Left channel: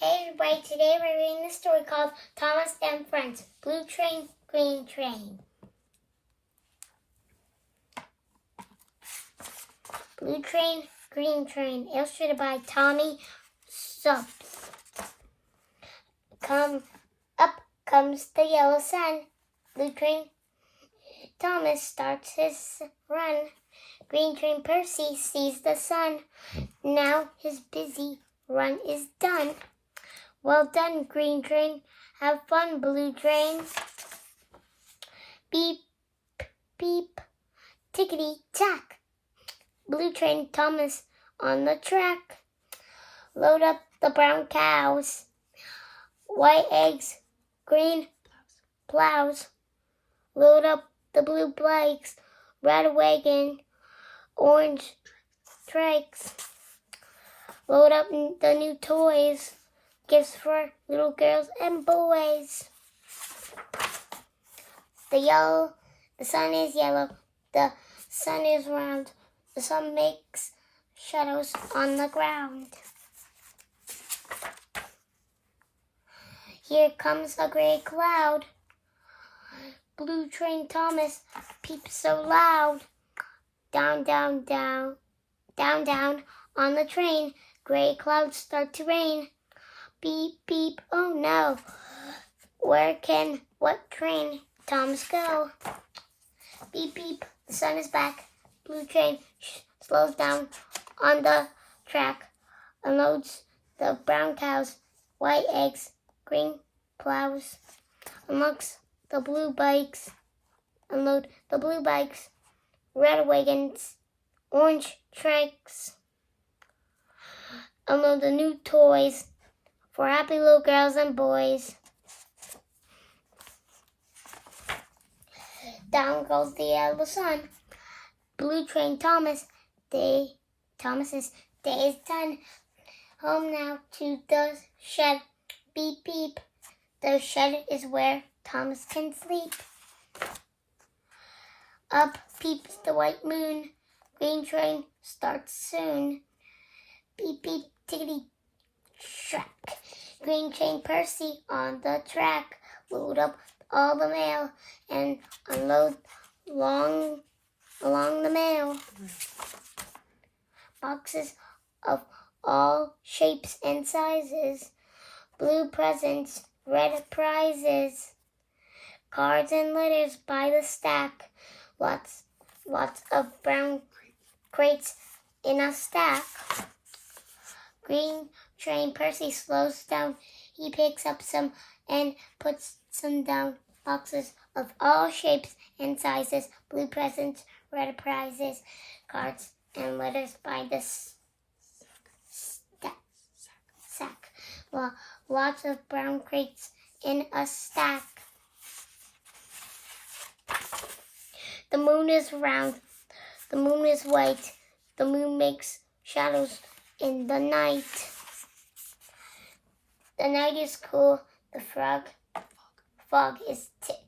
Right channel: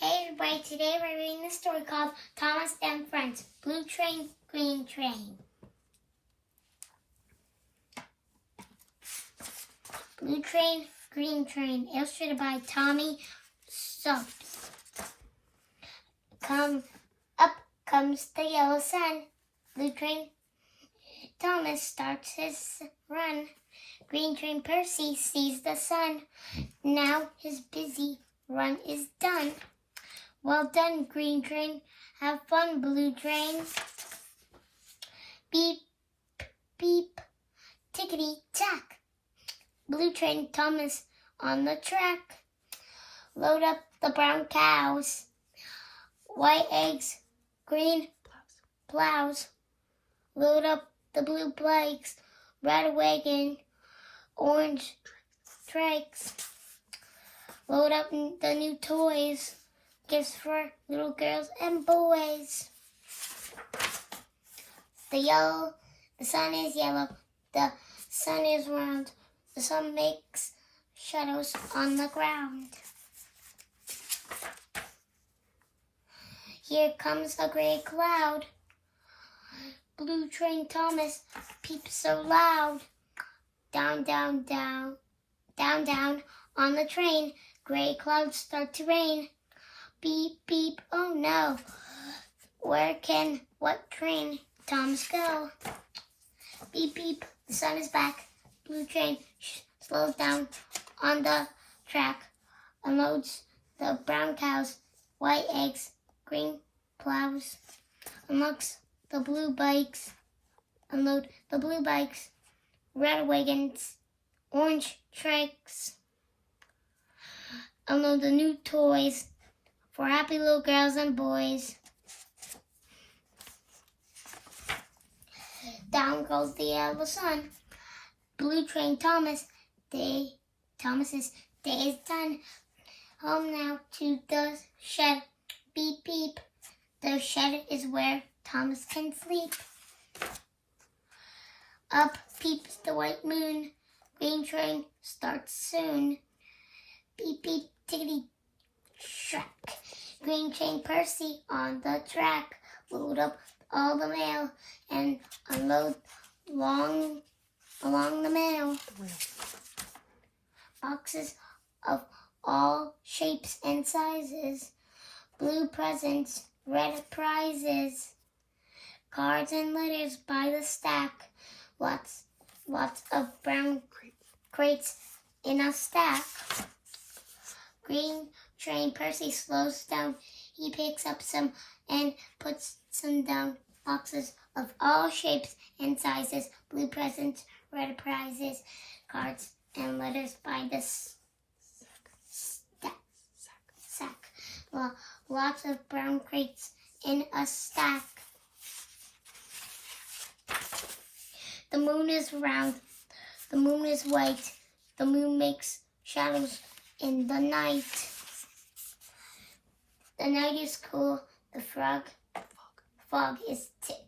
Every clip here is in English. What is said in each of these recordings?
Hey everybody, today we're reading the story called Thomas and Friends, Blue Train, Green Train. Blue Train, Green Train, illustrated by Tommy Stubbs. Up comes the yellow sun. Blue Train, Thomas starts his run. Green Train Percy sees the sun. Now his busy run is done. Well done, Green Train. Have fun, Blue Train. Beep, beep, tickety-tack. Blue Train Thomas on the track. Load up the brown cows. White eggs, green plows. Load up the blue bikes. Red wagon, orange trikes. Load up the new toys. Gifts for little girls and boys. The sun is yellow. The sun is round. The sun makes shadows on the ground. Here comes a gray cloud. Blue Train Thomas peeps so loud. Down, down, down, down, down on the train. Gray clouds start to rain. Beep, beep, oh no. What train Thomas go? Beep, beep, the sun is back. Blue Train slows down on the track. Unloads the brown cows. White eggs, green plows. Unlocks the blue bikes. Unload the blue bikes. Red wagons, orange trikes. Unload the new toys for happy little girls and boys. Down goes the yellow sun. Blue Train Thomas's day is done. Home now to the shed. Beep, beep. The shed is where Thomas can sleep. Up peeps the white moon. Green Train starts soon. Beep, beep, tickety, track. Green Train Percy on the track. Load up all the mail and unload along the mail. Boxes of all shapes and sizes. Blue presents, red prizes. Cards and letters by the stack. Lots of brown crates in a stack. Green Train Percy slows down. He picks up some and puts some down. Boxes of all shapes and sizes. Blue presents, red prizes. Cards and letters by the sack. Well, lots of brown crates in a stack. The moon is round. The moon is white. The moon makes shadows in the night. The night is cool. The fog is thick.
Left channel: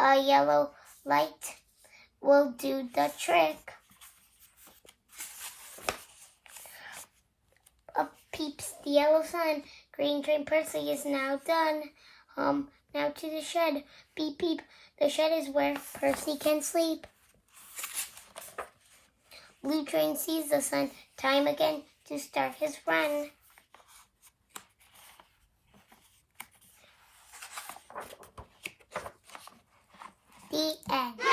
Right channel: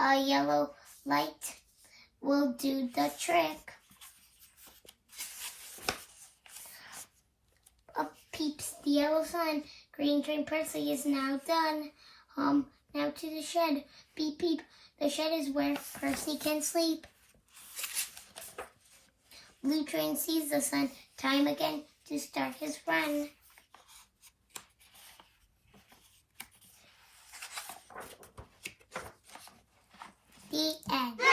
A yellow light will do the trick. Up peeps the yellow sun. Green Train Percy is now done. Now to the shed. Beep, beep. The shed is where Percy can sleep. Blue Train sees the sun. Time again to start his run. The end.